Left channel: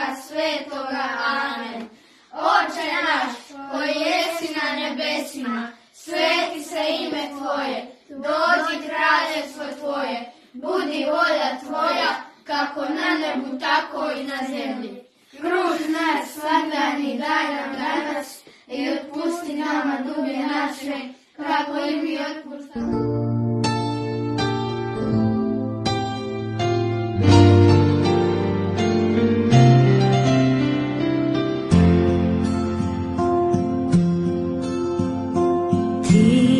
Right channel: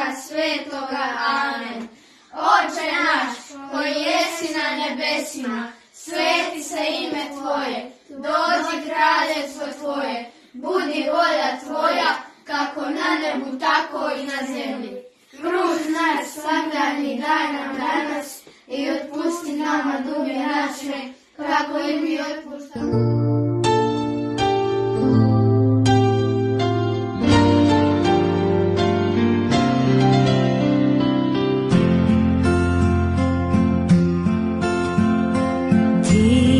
Duha Svetoga. Amen. Oče naš, koji jesi na nebesima, sveti se ime Tvoje, dođi kraljevstvo Tvoje, budi volja Tvoja, kako na nebu, tako i na zemlji. Kruh naš svakdani daj nam danas i otpusti nama duge naše, kako i mi otpuštamo. Ti